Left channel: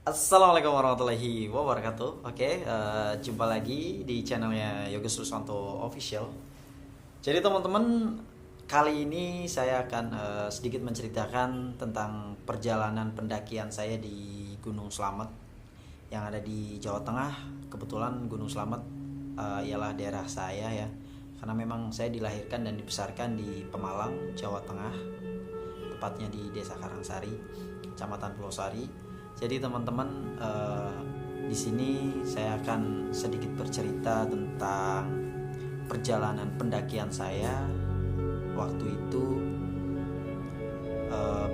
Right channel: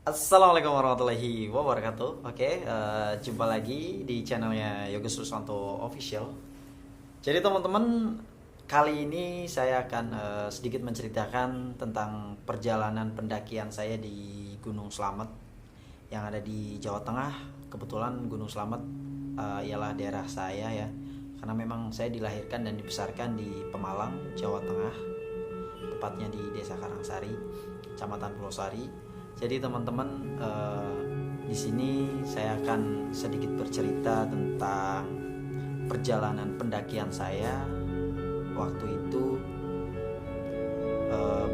Assalamualaikum warahmatullahi wabarakatuh. Oke, jumpa lagi di channelnya Yoga Susanto Official. Jadi teman-teman, kali ini saya akan sedikit menceritakan tentang perjalanan pendakian saya di Gunung Slamet yang ada di Jawa Tengah. Kebetulan Gunung Slamet ialah daerah saya ya, karena memang saya dilahirkan dan dibesarkan di Pemalang, Jawa Tengah, tepatnya di Desa Karangsari, Kecamatan Pulau Sari. Jadi teman-teman, di sini saya akan sedikit bercerita tentang perjalanan pendakian saya waktu itu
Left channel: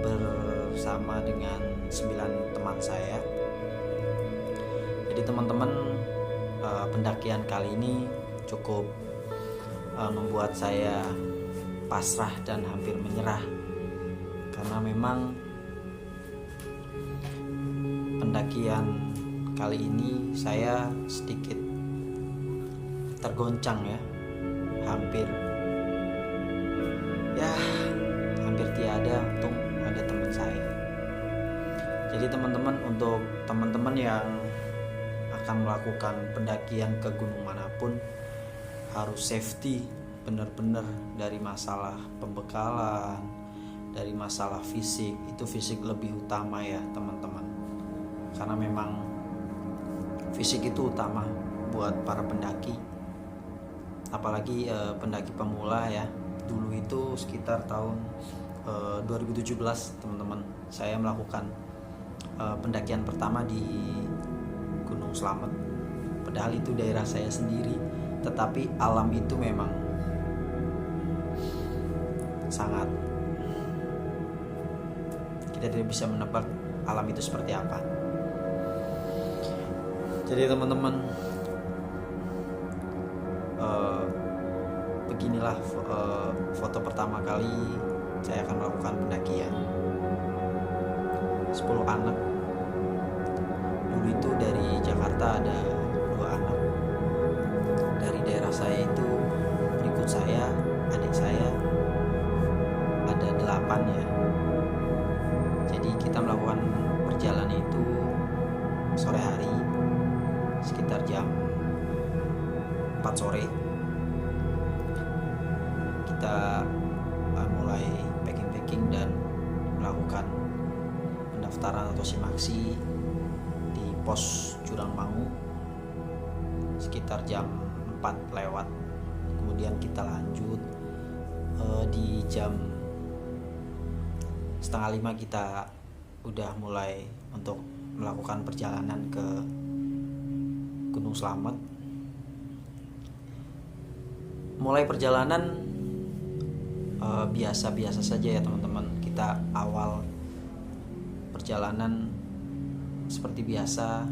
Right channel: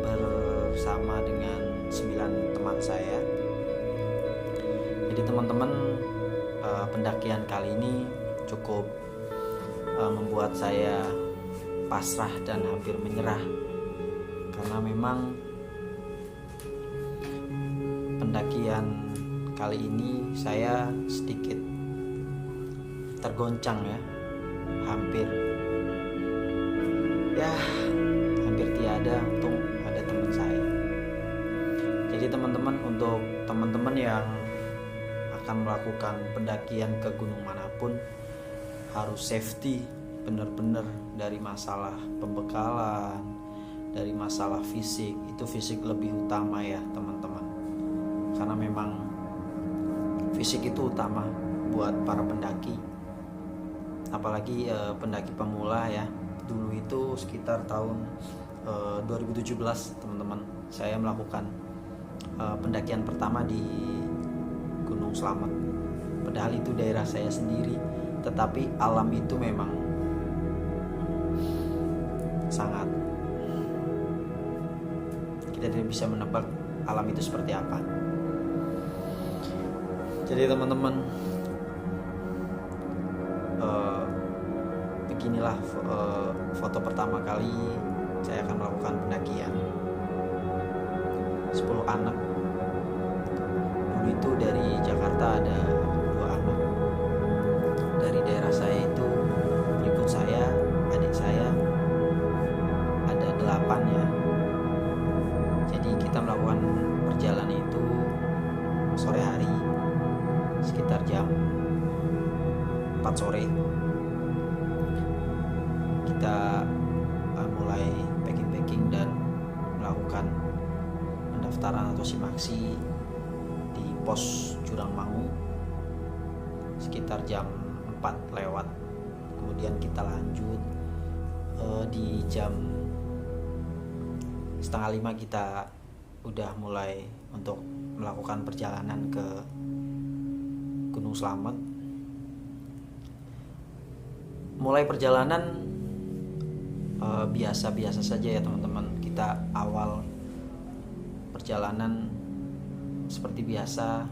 bersama dengan 9 teman saya. Jadi teman-teman, pendakian kali ini cukup membuat saya pasrah dan hampir menyerah, karena memang pendakian kali ini saya sedikit tergoncang ya, hampir tiada, untung ada teman saya. Jadi teman-teman, untuk teman-teman yang akan melakukan pendakian ke gunung manapun harus safety benar-benar, dari masalah pembekalan, dari masalah fisik. Itu fisik lebih utama ya teman-teman, karena memang fisik itu utama buat para pendaki, apalagi pendaki pemula ya. Dulu itu sekitar tahun 2017 teman-teman, saya melakukan pendakian pertama di Gunung Slamet. Padahal itu daerah saya sendiri, tetapi alam itu memang sangat, kita tidak bisa menebak alam itu seperti apa. Jadi teman-teman, beginilah foto pertama kali saya akan melakukan pendakian. 10 anak. Dulu itu dari Jakarta ada 2 anak. Dari daerah saya itu berikut saya, adik saya ada 8 ya. Jadi kita melakukan perjalanan itu sore hari, sekitar jam 4 sore. Kita mulai packing dan melakukan pendaftaran atau simaksi di pos Jurangmangu sekitar jam 4 lewat. Kemudian kita lanjut di jam setengah 5 kita udah mulai untuk melakukan perjalanan ke Gunung Slamet. Mulai perjalanan biasa-biasa saja ya teman-teman. Kita awal perjalanan seperti biasa,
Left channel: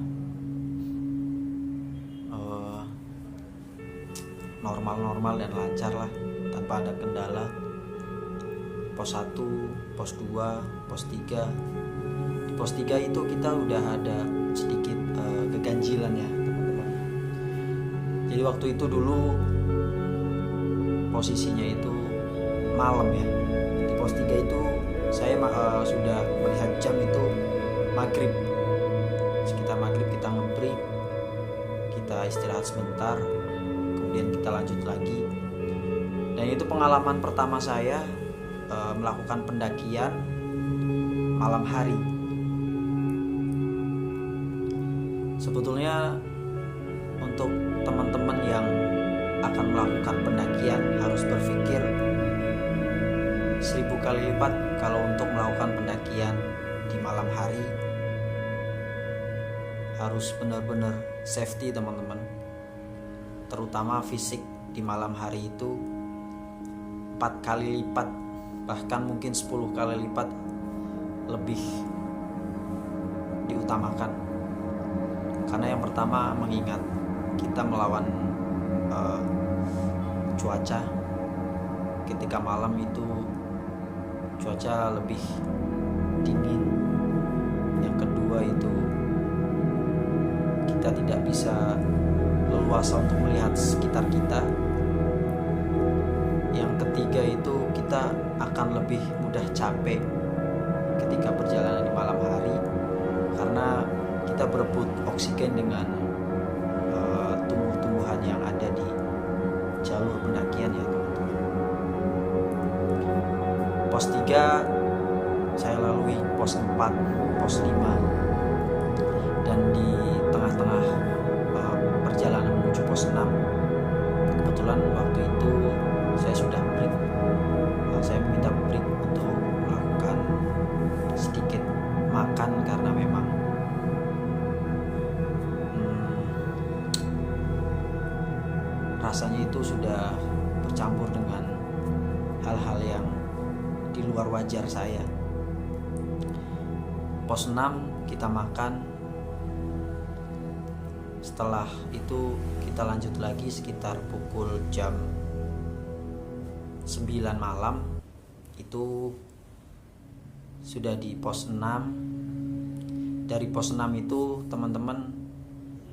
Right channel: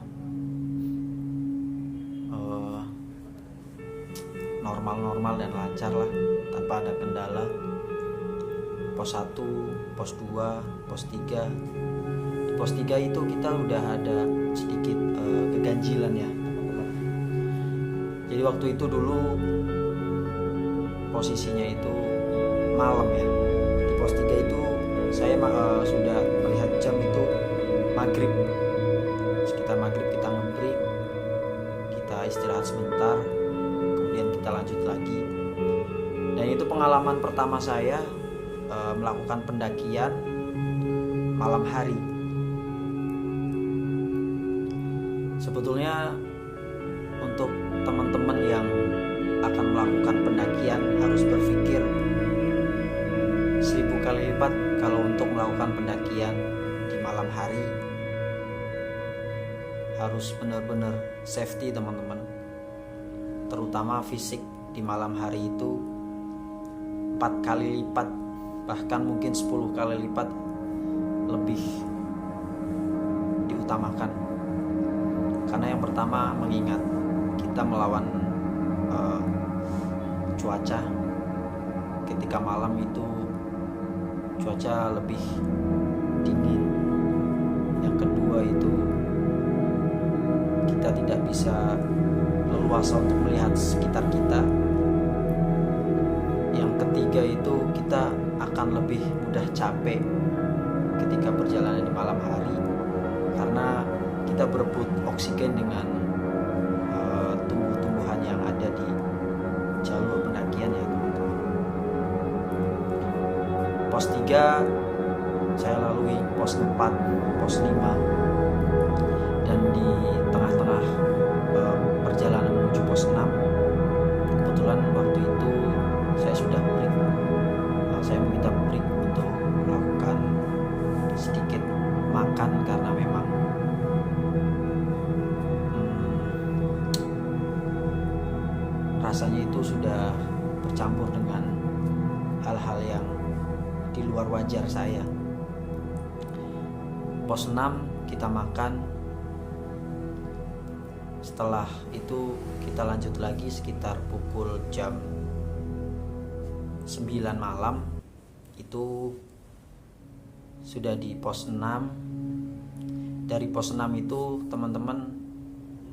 normal-normal dan lancar lah, tanpa ada kendala. Pos 1, pos 2, pos 3. Di pos 3 itu kita udah ada sedikit keganjilan ya teman-teman. Jadi waktu itu dulu posisinya itu malam ya. Di pos 3 itu saya sudah melihat jam itu maghrib. Sekitar maghrib kita ngebreak, kita istirahat sebentar, kemudian kita lanjut lagi. Dan itu pengalaman pertama saya melakukan pendakian malam hari. Sebetulnya untuk teman-teman yang akan melakukan pendakian harus berpikir 1000 kali lipat kalau untuk melakukan pendakian di malam hari. Harus benar-benar safety teman-teman, terutama fisik. Di malam hari itu 4 kali lipat, bahkan mungkin 10 kali lipat lebih diutamakan. Karena yang pertama, mengingat kita melawan cuaca. Ketika malam itu cuaca lebih dingin. Yang kedua itu kita tidak bisa leluasa untuk melihat sekitar kita. Yang ketiga itu kita akan lebih mudah capek ketika perjalanan di malam hari, karena kita berebut oksigen dengan tumbuh-tumbuhan yang ada di jalur pendakian ya teman-teman. Pos 3 saya lalui, pos 4, pos 5, dan di tengah-tengah perjalanan menuju pos 6 kebetulan waktu itu saya sudah break. Saya meminta break untuk melakukan sedikit makan karena memang rasanya itu sudah bercampur dengan hal-hal yang di luar wajar saya. Pos 6 kita makan. Setelah itu kita lanjut lagi sekitar pukul jam 9 malam. Itu sudah di pos 6. Dari pos 6 itu teman-teman,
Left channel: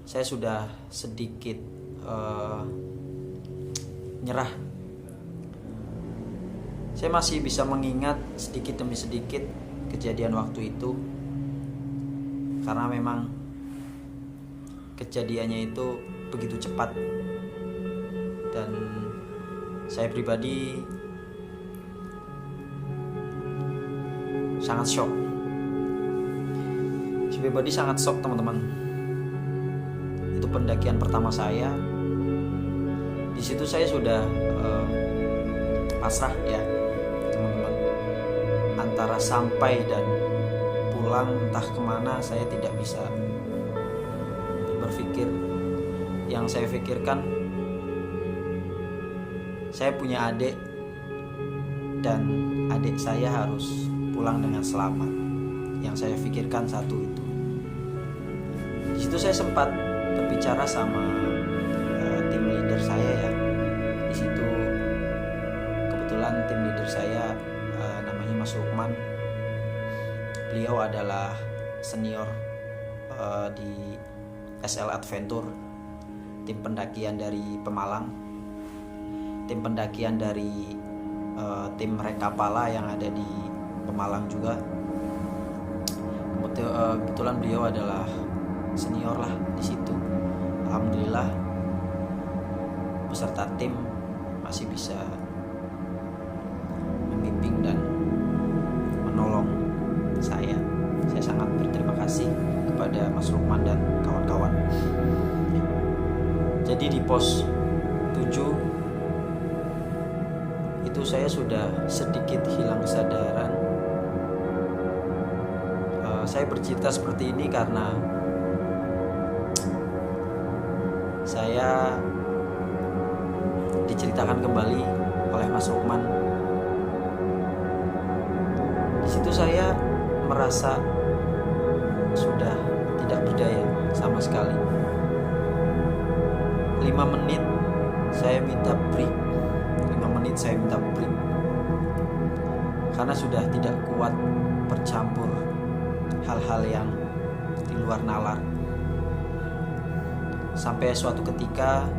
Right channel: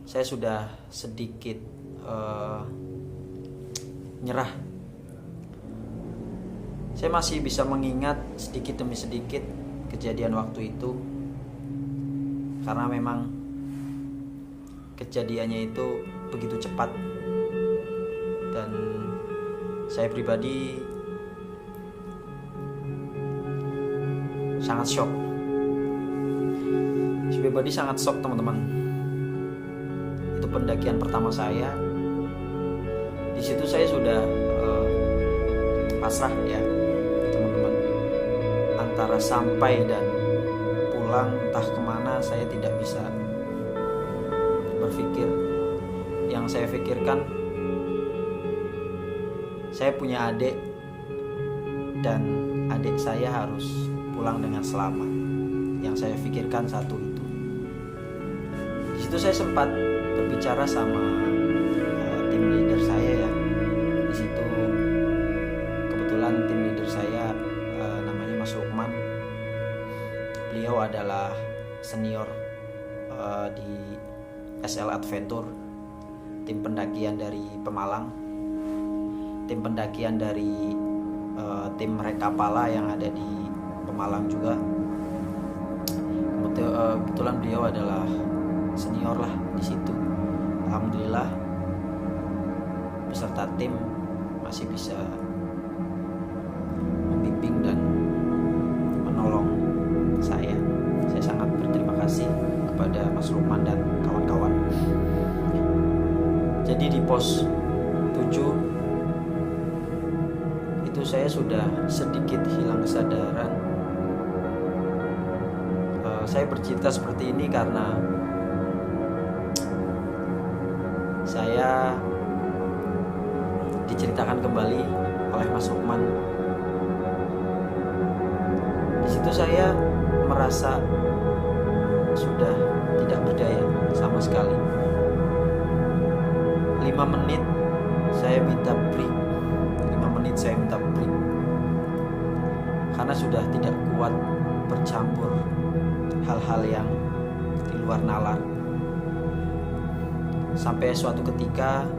saya sudah sedikit nyerah. Saya masih bisa mengingat sedikit demi sedikit kejadian waktu itu, karena memang kejadiannya itu begitu cepat dan saya pribadi sangat shock. Saya pribadi sangat shock teman-teman. Itu pendakian pertama saya. Di situ saya sudah pasrah ya teman-teman. Antara sampai dan pulang entah kemana saya tidak bisa berpikir. Yang saya pikirkan, saya punya adik dan adik saya harus pulang dengan selamat. Yang saya pikirkan satu itu. Di situ saya sempat berbicara sama tim leader saya ya. Di situ kebetulan tim leader saya namanya Mas Lukman. Beliau adalah senior di SL Adventure, tim pendakian dari Pemalang, tim pendakian dari tim Rekapala yang ada di Pemalang juga. Kebetulan beliau adalah senior lah di situ. Alhamdulillah beserta tim masih bisa membimbing dan menolong saya. Saya sangat berterima kasih kepada Mas Lukman dan kawan-kawan. Jadi di pos 7 itu saya sudah sedikit hilang kesadaran. Saya bercerita seperti ini karena saya diceritakan kembali oleh Mas Lukman. Di situ saya merasa sudah tidak berdaya sama sekali. 5 menit saya minta break. 5 menit saya minta break. Karena sudah tidak kuat bercampur hal-hal yang di luar nalar. Sampai suatu ketika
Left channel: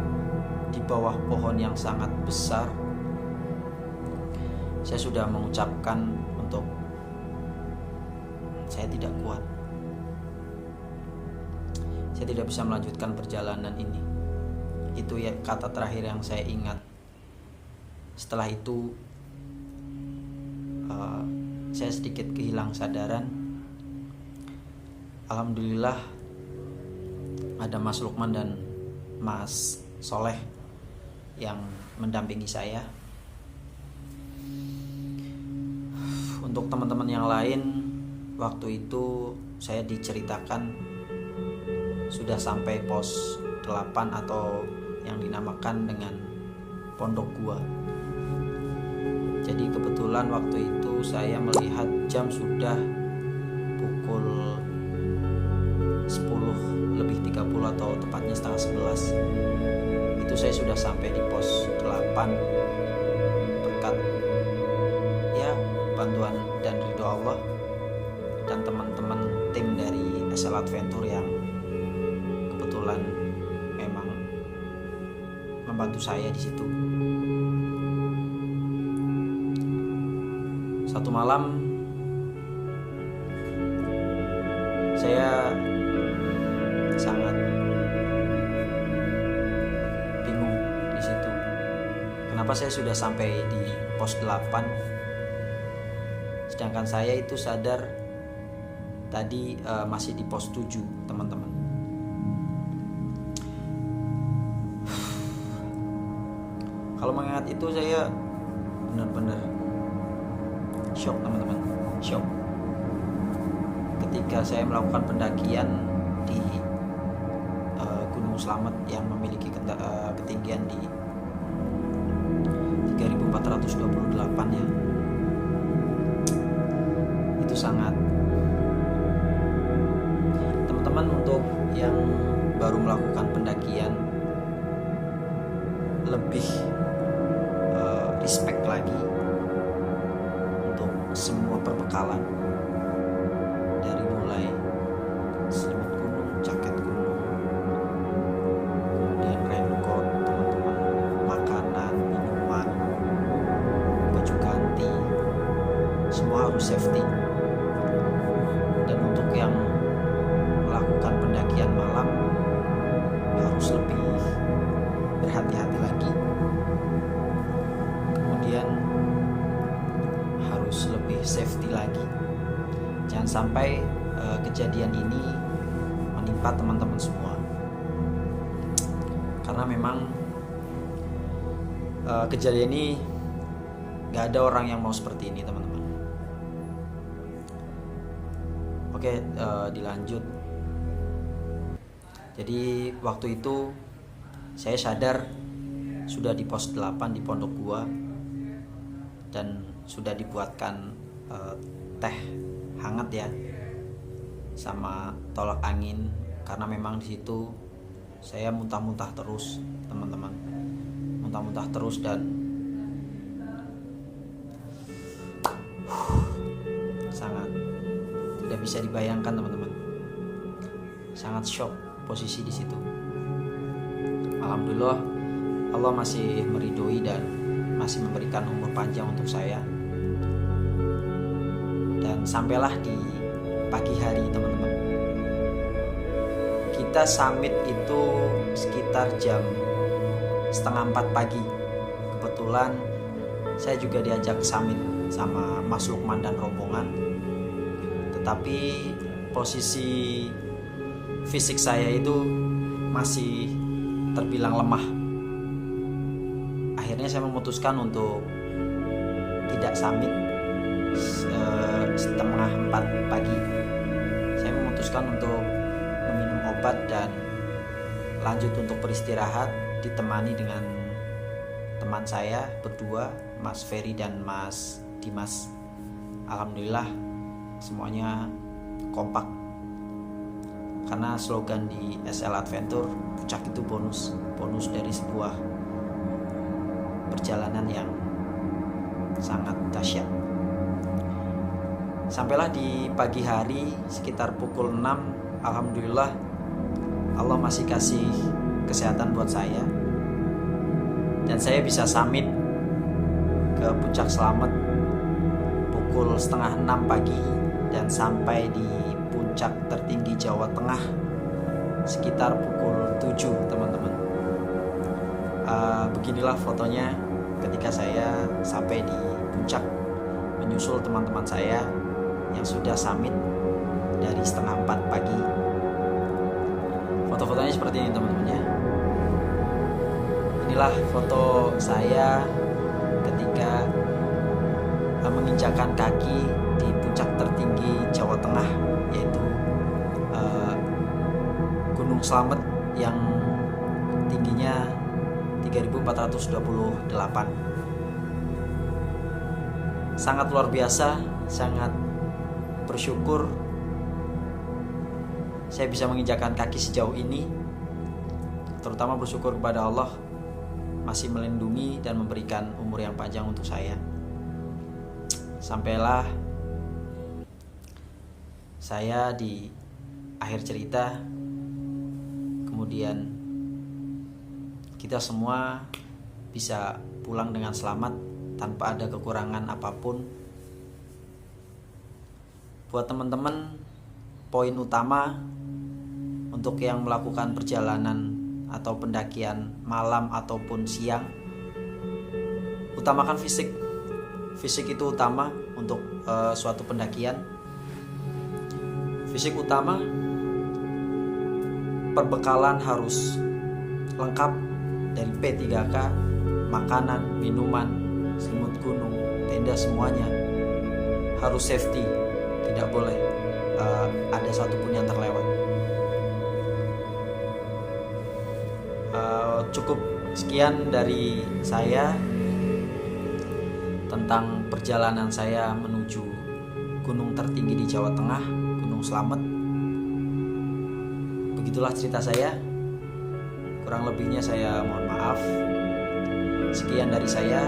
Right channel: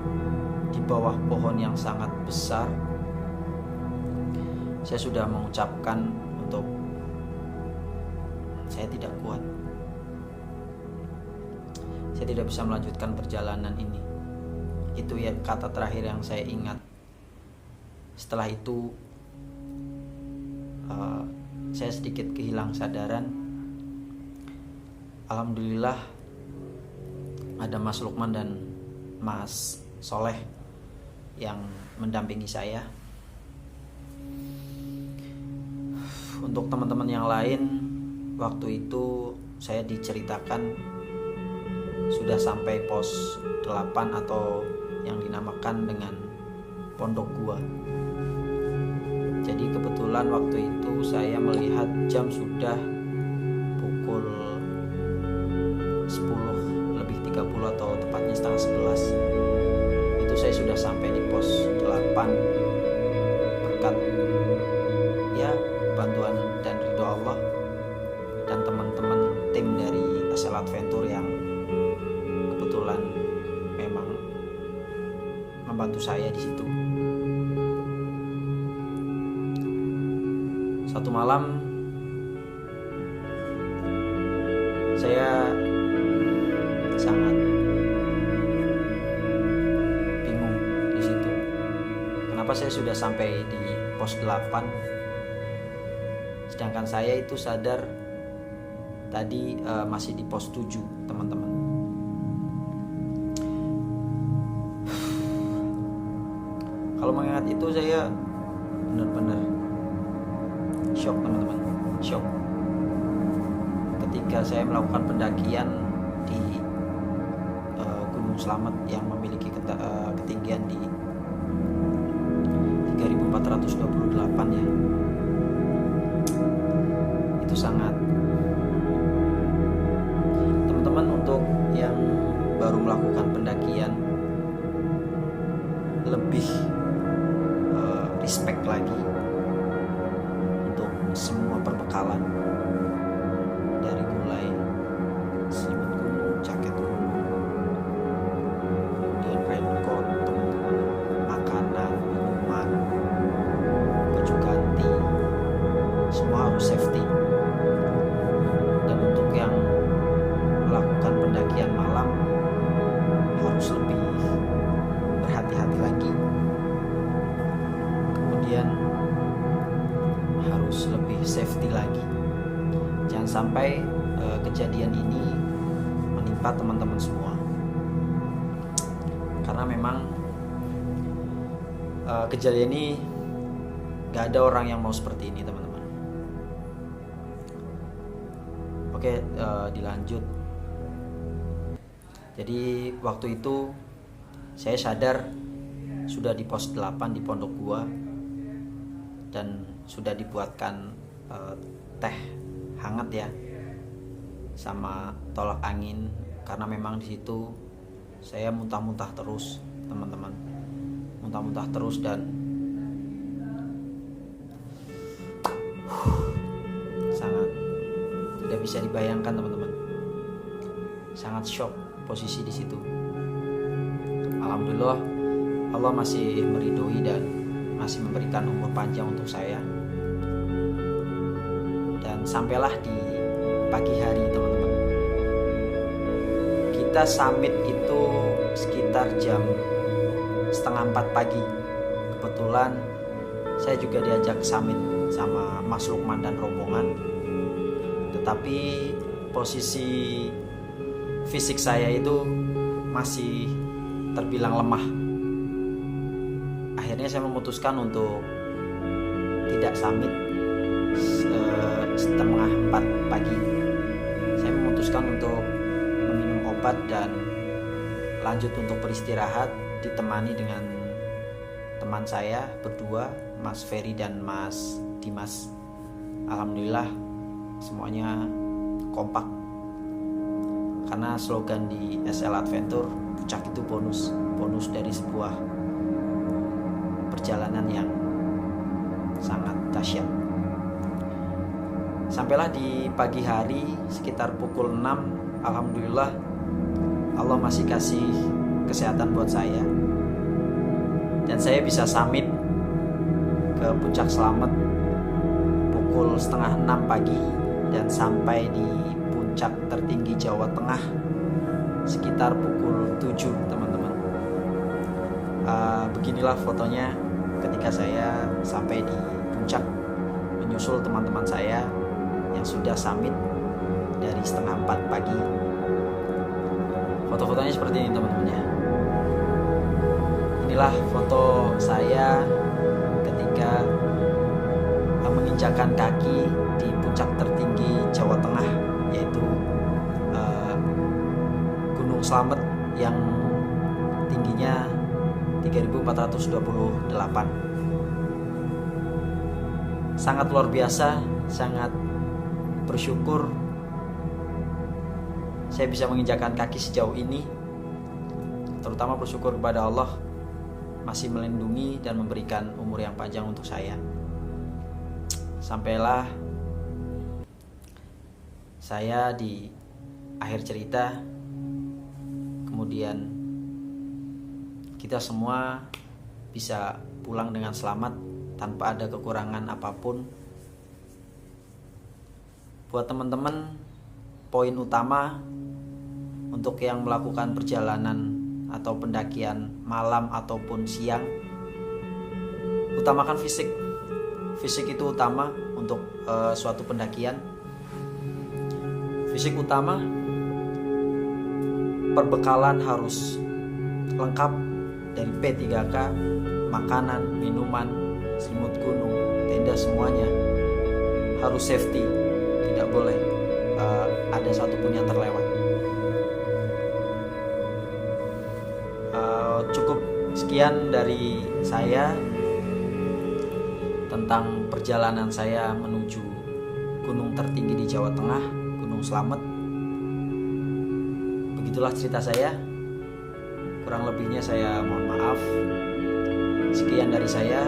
di bawah pohon yang sangat besar, saya sudah mengucapkan untuk saya tidak kuat. Saya tidak bisa melanjutkan perjalanan ini. Itu ya kata terakhir yang saya ingat. Setelah itu saya sedikit kehilang sadaran. Alhamdulillah ada Mas Lukman dan Mas Soleh yang mendampingi saya. Untuk teman-teman yang lain, waktu itu saya diceritakan sudah sampai pos 8 atau yang dinamakan dengan Pondok Gua. Jadi kebetulan waktu itu saya melihat jam sudah pukul 10:30 atau tepatnya setengah 11. Itu saya sudah sampai di pos 8 berkat ya bantuan dan ridho Allah dan teman-teman tim dari SL Adventure yang kebetulan memang membantu saya di situ. Satu malam saya sangat bingung di situ. Kenapa saya sudah sampai di pos 8 sedangkan saya itu sadar tadi masih di pos 7, teman-teman. Kalau mengingat itu saya benar-benar shock, teman-teman. Shock ketika saya melakukan pendakian di Gunung Slamet yang memiliki ketinggian di 3428 ya. Itu sangat, teman-teman, untuk yang baru melakukan pendakian lebih respect lagi untuk semua perbekalan, dari mulai selimut gunung, jaket gunung, kemudian raincoat, teman-teman, makanan, minuman, baju ganti, semua harus safety. Dan untuk yang melakukan pendakian malam harus lebih berhati-hati lagi, kemudian harus lebih safety lagi. Jangan sampai kejadian ini menimpa teman-teman semua, karena memang kejadian ini gak ada orang yang mau seperti ini, teman-teman. Oke, dilanjut. Jadi waktu itu saya sadar sudah di pos 8 di pondok gua, dan sudah dibuatkan teh hangat ya, sama tolak angin, karena memang di situ saya muntah-muntah terus, teman-teman. Muntah-muntah terus dan sangat tidak bisa dibayangkan, teman-teman. Sangat shock posisi di situ. Alhamdulillah Allah masih meridhoi dan masih memberikan umur panjang untuk saya. Dan sampailah di pagi hari, teman-teman. Kita summit itu sekitar jam 3:30 pagi. Kebetulan saya juga diajak summit sama Mas Lukman dan rombongan. Tetapi posisi fisik saya itu masih terbilang lemah. Akhirnya saya memutuskan untuk tidak summit. 3:30 pagi saya memutuskan untuk meminum obat dan lanjut untuk beristirahat, ditemani dengan teman saya berdua, Mas Ferry dan Mas Dimas. Alhamdulillah semuanya kompak, karena slogan di SL Adventure, puncak itu bonus dari sebuah perjalanan yang sangat dahsyat. Sampailah di pagi hari sekitar pukul 6. Alhamdulillah Allah masih kasih kesehatan buat saya, dan saya bisa summit ke puncak Slamet pukul 5:30 pagi dan sampai di puncak tertinggi Jawa Tengah sekitar pukul 7, teman-teman. Beginilah fotonya ketika saya sampai di puncak menyusul teman-teman saya yang sudah summit dari 3:30 pagi. Foto-fotonya seperti ini, teman-teman ya. Inilah foto saya ketika menginjakkan kaki di puncak tertinggi Jawa Tengah, yaitu Gunung Slamet yang tingginya 3428. Sangat luar biasa, sangat bersyukur saya bisa menginjakkan kaki sejauh ini. Terutama bersyukur kepada Allah masih melindungi dan memberikan umur yang panjang untuk saya. Sampailah saya di akhir cerita, kemudian kita semua bisa pulang dengan selamat tanpa ada kekurangan apapun. Buat teman-teman, poin utama Untuk yang melakukan perjalanan atau pendakian malam ataupun siang, utamakan fisik. Fisik itu utama untuk suatu pendakian. Fisik utama, perbekalan harus lengkap dari P3K, makanan, minuman, selimut gunung, tenda, semuanya harus safety. Tidak boleh ada satupun yang terlewat. Cukup sekian dari saya tentang perjalanan saya menuju gunung tertinggi di Jawa Tengah, Gunung Slamet. Begitulah cerita saya. Kurang lebihnya saya mohon maaf. Sekian dari saya.